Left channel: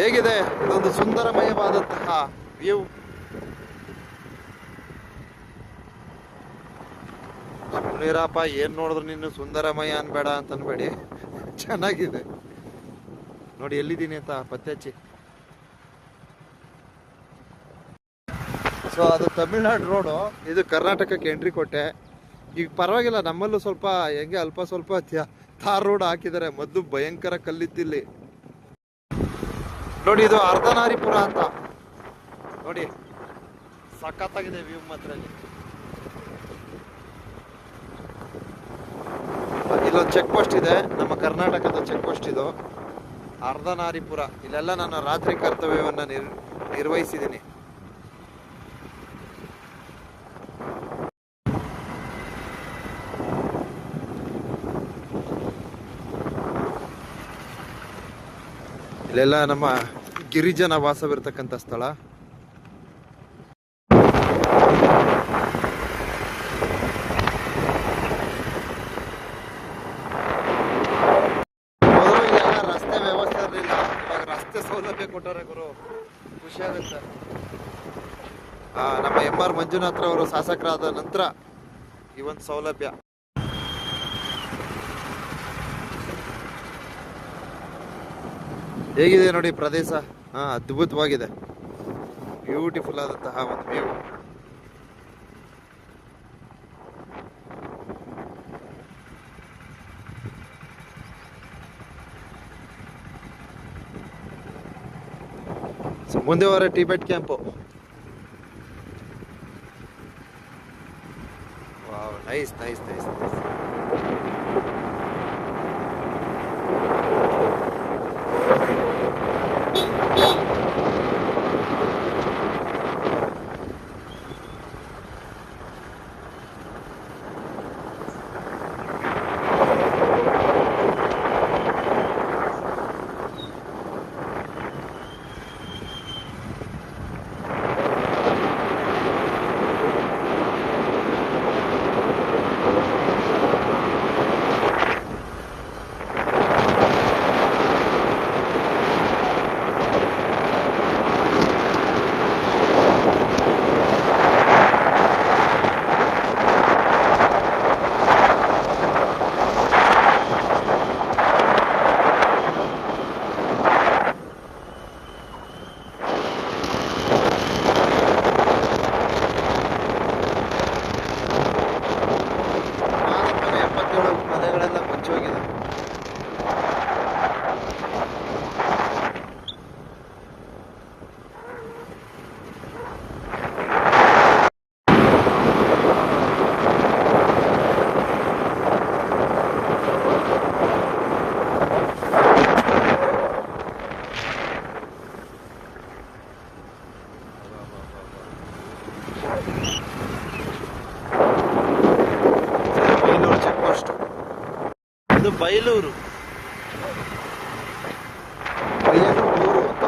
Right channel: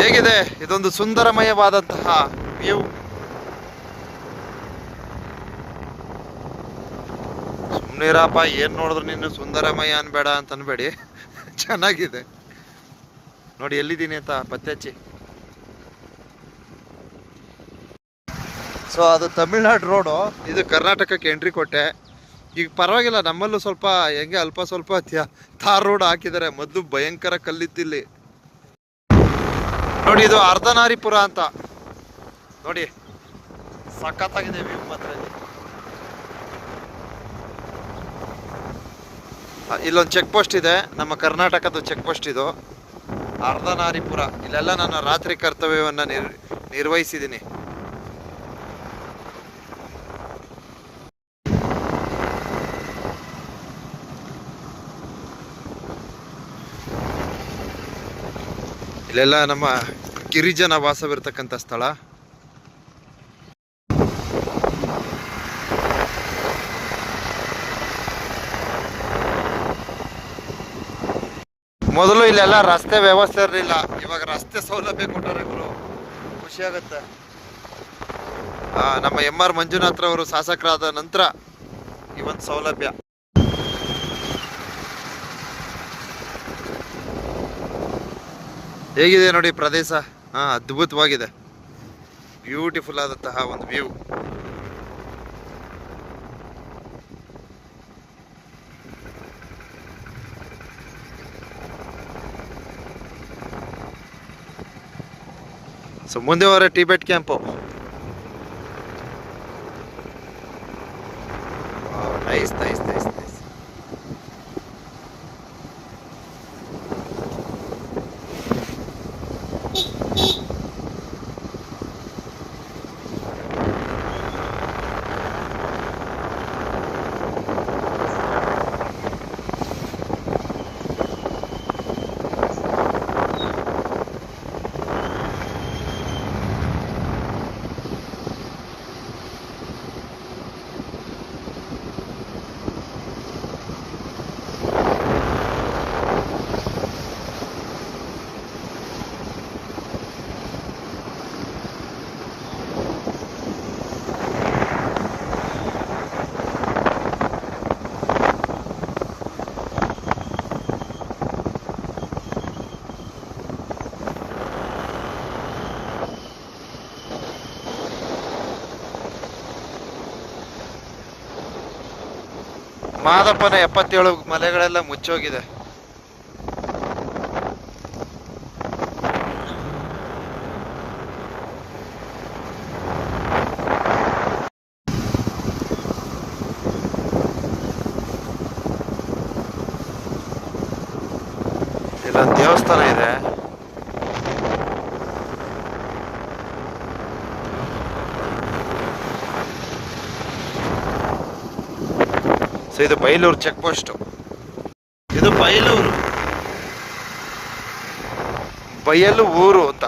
ಹೇಗಿದೆ ಇದೊಂದು ಸುಂದರಮಯವಾದಂತಹ ವ್ಯೂ. ಸುಮ್ನಿರಪ್ಪ, ಏನ್ ನೋಡಿದ್ರು ನೀನು ಸುಂದರಮಯ ಅನ್ಬೇಡ ಅಂತ ಅನ್ಬೇಡಿ, ಚೆನ್ನಾಗಿದೆ ನೋಡಿ. ಎಲ್ಲಿದ್ದೀನಿ ಅಂತ ಪತ್ತೆ ಹಚ್ಚಿ. ಸೊ ಅದು ತಮಿಳ್ನಾಡು ರೋಡು, ಇದು ಕರ್ನಾಟಕಕ್ಕೆ ಎಂಟ್ರಿ ಕೊಟ್ಟೆ. ಈಗ ಪರವಾಗಿಲ್ಲ, ನಮ್ಮಲ್ಲೂ ಸ್ವಲ್ಪ ಹೆಂಗೆ ಅಲ್ಪ ಸ್ವಲ್ಪ ತಾರ್ ರೋಡ್ ಹಾಕಿದ್ದಾರೆ. ಮೊದಲು ಭಯಂಕರ ಕಲ್ಲಿತ್ತಿಲ್ಲಿ ನೋಡಿ. ಇದು ಅರ್ಧನಾರಿಪುರ ಅಂತ ನೋಡಿ, ಸಖತ್ತಾಗಿದೆ ವ್ಯೂ ಮಾತ್ರ. ಇಲ್ಲೊಂದು ಚೆಕ್ ಪೋಸ್ಟ್ ಇದೆ, ನಮ್ಮ ಕರ್ನಾಟಕದ ಚೆಕ್ ಪೋಸ್ಟ್ ಇದು, ಅರ್ಧನಾರಿಪುರ. ಇಲ್ಲೆಲ್ಲ ನಾನು ರಾತ್ರಿ ಕರ್ತವ್ಯವನ್ನ ನಿರ್ವಹಿಸಿದ್ದೀನಿ. ಇಲ್ಲೆಲ್ಲ ನಮ್ಮ ಗಿರಿಜನ ವಾಸವಿರ್ತಕ್ಕಂಥ ಸ್ಥಳ. ಮೊದಲು ಇಲ್ಲೆಲ್ಲ ರಸ್ತೆ ವ್ಯವಸ್ಥೆ ಇರಲಿಲ್ಲ, ಇವಾಗ ರಸ್ತೆ ಸೌಲಭ್ಯ ಕೊಟ್ಟರೆ ಗುರು, ಖುಷಿ ಆಗುತ್ತೆ. ನಮ್ಮ MR ಮಂಜುನಾಥ್ರವರು ಶಾಸಕರಾದ ನಂತರ ಈ ಒಂದು ಸೌಲಭ್ಯ. ಹೇಗಿದೆ ನೋಡಿ ಪ್ರದೇಶ, ಅದ್ಭುತವಾಗಿದೆ, ಬ್ಯೂಟಿಫುಲ್ ಆದಂತಹ ಒಂದು ವ್ಯೂ. ಸೊ ಮುಂದೆ ಹೋದ್ರೆ Tibet camp. Nice nice nice nice. ಮಾದಪ್ಪನ 77 ಮಲೆಗಳೆಲ್ಲ ಮುಚ್ಚೋಗಿದೆ. ದೇವಸ್ಥಾನ ಇದೆ. ಇದು ಬೈಲೂರು ಚೆಕ್ ಪೋಸ್ಟ್. ಇದು ಬೈಲೂರು, ಬಯಲು ಊರು ಅಂತ.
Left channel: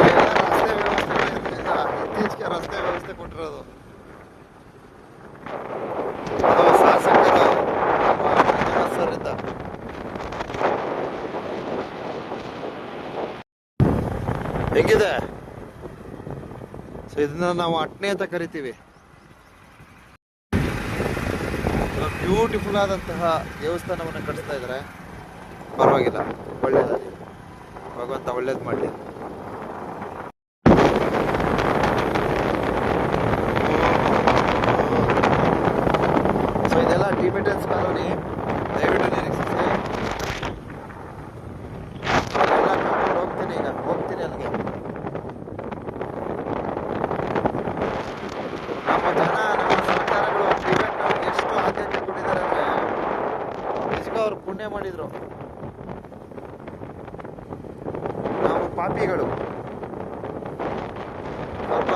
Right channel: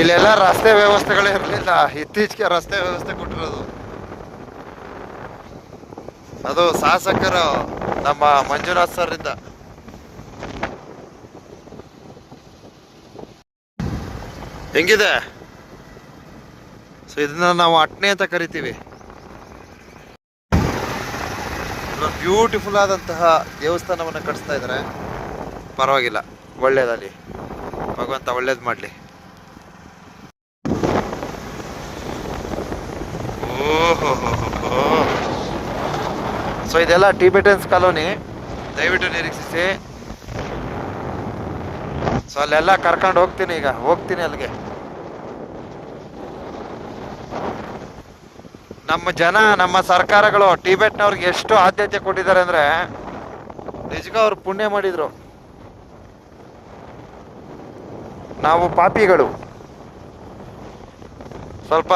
ಇಲ್ಲೆಲ್ಲ ರಸ್ತೆ ವ್ಯವಸ್ಥೆಗಳೇ ಇರಲಿಲ್ಲ, ಇತ್ತೀಚೆಗೆ ರಸ್ತೆ ವ್ಯವಸ್ಥೆ ಕೊಟ್ಟಿರೋದು. ಅದು ಶಾಸಕರು ನಮ್ಮ ಮಂಜುನಾಥ್ ಸರ್ ಇದ್ದ. ಹೆಂಗಿದೆ? ಸೊ ಇದನ್ನ ನಾವು ಅಟ್ನೆ ಅಂತ ಕರಿತೀವಿ. ಬ್ಯೂಟಿಫುಲ್ ಆದಂತಹ ದೇವಸ್ಥಾನವನ್ನು ಕಟ್ಟಿಸ್ತಾ ಇದ್ದಾರೆ. ಪರವಾಗಿಲ್ಲ, ಒಳ್ಳೇದಲ್ಲಿ, ಭಗವಂತ ಒಳ್ಳೇದು ಮಾಡಲಿ. ಸೊ ಇದೆಲ್ಲ ಟಿಬೆಟನ್ಸ್ ಕಾಲೋನಿ, ದಯವಿಟ್ಟು ನಿರೀಕ್ಷಿಸಿ. ಸೊ ಅಲ್ಲೆಲ್ಲ ಕರ್ಕೊಂಡು ಹೋಗ್ತೀನಿ, ಈಗ ಹೋಗ್ತೀನಿ ಅಲ್ಲಿಗೆ. ನಮ್ಮ ಜನ, ನಮ್ಮ ಸರ್ಕಾರಗಳು ಟಿಬೆಟ್ನವ್ರಿಗೆ ಎಷ್ಟು ಆದ್ಯತೆ ಕೊಟ್ಟಿದ್ದಾರೆ ಅಂದ್ರೆ ನಿಜಕ್ಕೂ ಅವ್ರು ಪುಣ್ಯ ಮಾಡಿದ್ರು. ನಾವು ಪಾಪಿಗಳು ಸ್ವಲ್ಪ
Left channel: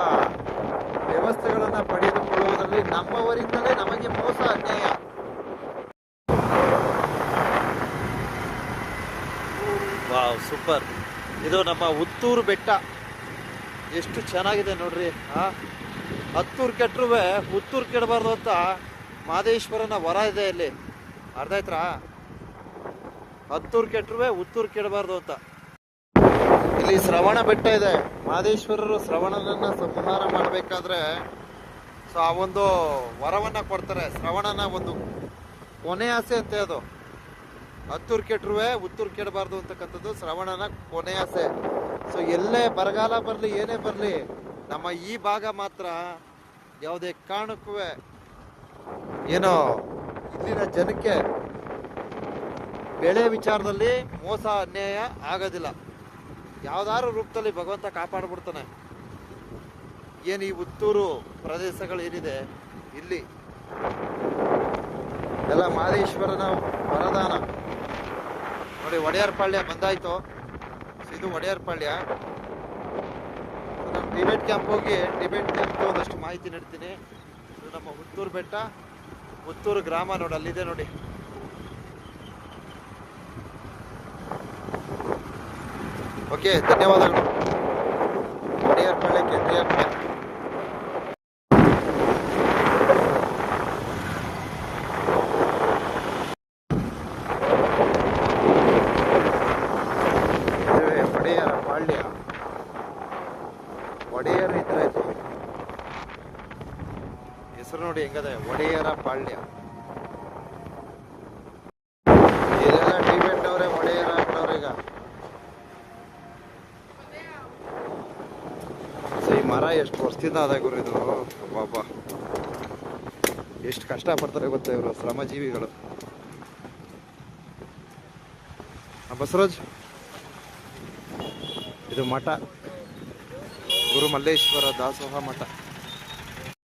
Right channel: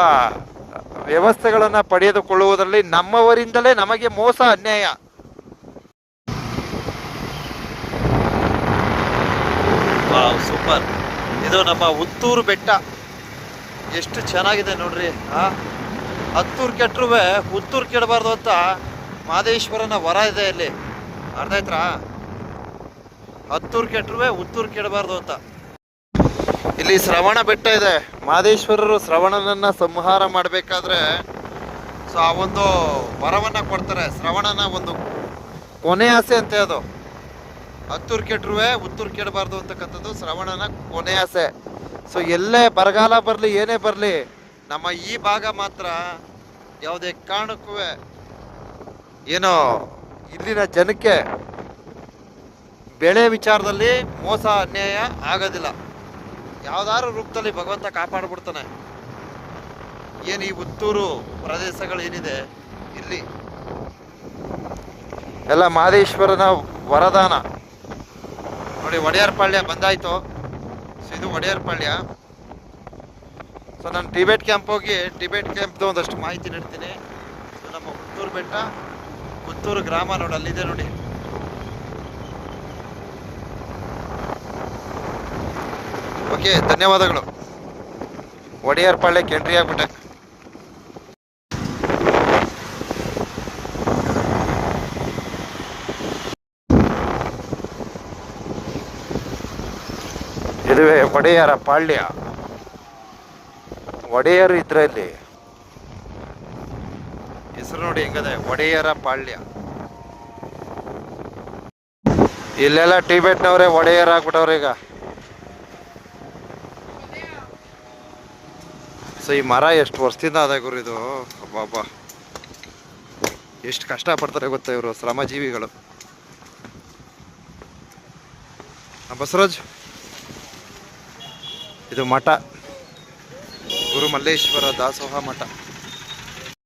ವ್ಯವಸ್ಥೆಗಳನ್ನ ಪಡೆದುಕೊಳ್ಳುವುದರಲ್ಲಿ ನಮ್ಮವರಿಂದಲೇ ನಮಗೆ ಮೋಸ, ಅನ್ಯಾಯ. Wow, super. ಇದು ನಮ್ಮ ಹುತ್ತೂರು ಬೆಟ್ಟ. ಎಷ್ಟು ಚೆನ್ನಾಗಿದೆ ನೋಡ್ರಿ. ಹತ್ತೂರು ಕೆಟ್ಟರು ಹುತ್ತೂರು ಕೆಡಬಾರ್ದು ಅಂತ ಮಾದೇಶ್ವರನ ವರ ಇದೆ ಇಲ್ಲಿ. ಅರ್ಥ ಆಯ್ತಾ? ಹತ್ತೂರು ಕೆಟ್ಟರು ಹುತ್ತೂರು ಕೆಡಬಾರ್ದು ಅಂತ. ಇಲ್ಲಿ ಶ್ರವಣ ಬೆಟ್ಟ ಇದೆ. ಮಾದೇಶ್ವರರು ಶ್ರವಣನನ್ನ ಸಂಹಾರ ಮಾಡಬೇಕಾದ್ರೆ ಸೊ ಆ ಒಂದು ವರವನ್ನ ಕೊಡ್ತಾರೆ. ಶ್ರವಣನ ಒಂದು ಕೊನೆ ಆಸೆ ಅಂತೆ ಅದು. ಹತ್ತೂರು ಕೆಟ್ಟರು ಹುತ್ತೂರು ಕೆಡಬಾರ್ದು ಅಂತಕ್ಕಂಥದ್ದು ಶ್ರವಣನ ಕೊನೆ ಆಸೆ. ಸೊ ಎಲ್ಲೇ ಬರಗಾಲ ಬರಲಿ ಏನೇ ಬರಲಿ ನಮ್ಮ ಈ ಭಾಗ ಮಾತ್ರ ಯಾವುದೇ ಕಾರಣಕ್ಕೂ ಏನೋ ಇಲ್ಲಿನ ಜನಕ್ಕೆ ಬೆಳೆ ವಿಚಾರದಲ್ಲಿ ಮೋಸ ಅನ್ಯಾಯ ಆಗೋದಿಲ್ಲ. ಯಾವ್ದಾದ್ರು ರೂಪದಲ್ಲಿ ಭಗವಂತ ಕಾಪಾಡ್ಬಿಡ್ತಾನೆ. ಏನು ಈ ಹುತ್ತೂರು ಪ್ರದೇಶಗಳು ಏನಿದೆ ಇಲ್ಲಿ ಎಲ್ಲ ಮಾದೇಶ್ವರನ ವರದಾನ. ನೋಡಿ ಒಡೆಯರ್ ಪಾಳ್ಯ ಬಂದಾಯ್ತು. ಸೊ ಇದು ಒಡೆಯರ್ ಪಾಳ್ಯ. ಸೊ ನಾನು ಟಿಬೆಟ್ ಕ್ಯಾಂಪ್ ಹೋಗಿ ಟಿಬೆಟ್ ಕ್ಯಾಂಪ್ದು ಒಂದಷ್ಟು ಮಾಹಿತಿ ನೀಡ್ತೀನಿ. ಇದು ನಮ್ಮ ಹುತ್ತೂರು ಬೆಟ್ಟ, ಹುತ್ತೂರು ಗ್ರಾಮ ನೋಡಿ ಅಲ್ಲಿದೆ ನೋಡಿ. ಓಕೆ, ಧನ್ಯವಾದಗಳು. ಒಡೆಯರ್ ಪಾಳ್ಯಕ್ಕೆ ಎಂಟ್ರಿ ಆಗ್ಬಿಟ್ಟೆ. ಇದುವೇ ಒಡೆಯರ ಪಾಳ್ಯ. ಒಡೆಯರು ಇದ್ರಲ್ಲಿ ಹೆಸರು ನೋಡಿ ಹೆಂಗದೆ, ಒಡೆಯರ ಪಾಳ್ಯ. ಇಲ್ಲೆಲ್ಲ ಟಿಬೆಟ್ನವ್ರೆ ಒಡೆಯರ್ ಆಗ್ಬಿಟ್ಟವ್ರೆ ಈಗ. ಸೊ ಈ ಮರ ಎಷ್ಟು ವರ್ಷದಿಂದ ಅದ ಗುರು ಇದು. ಬಾಬಾ ಎಷ್ಟು ಕಷ್ಟ ಪಡ್ತಾರೆ ಗೊತ್ತಾ ಇವರು, ಶ್ರಮಜೀವಿಗಳು. ಬಸವರಾಜ್, ಇದು ಮಠ, ಗುರು ಮಲ್ಲೇಶ್ವರ ದಾಸೋಹ ಮಠ.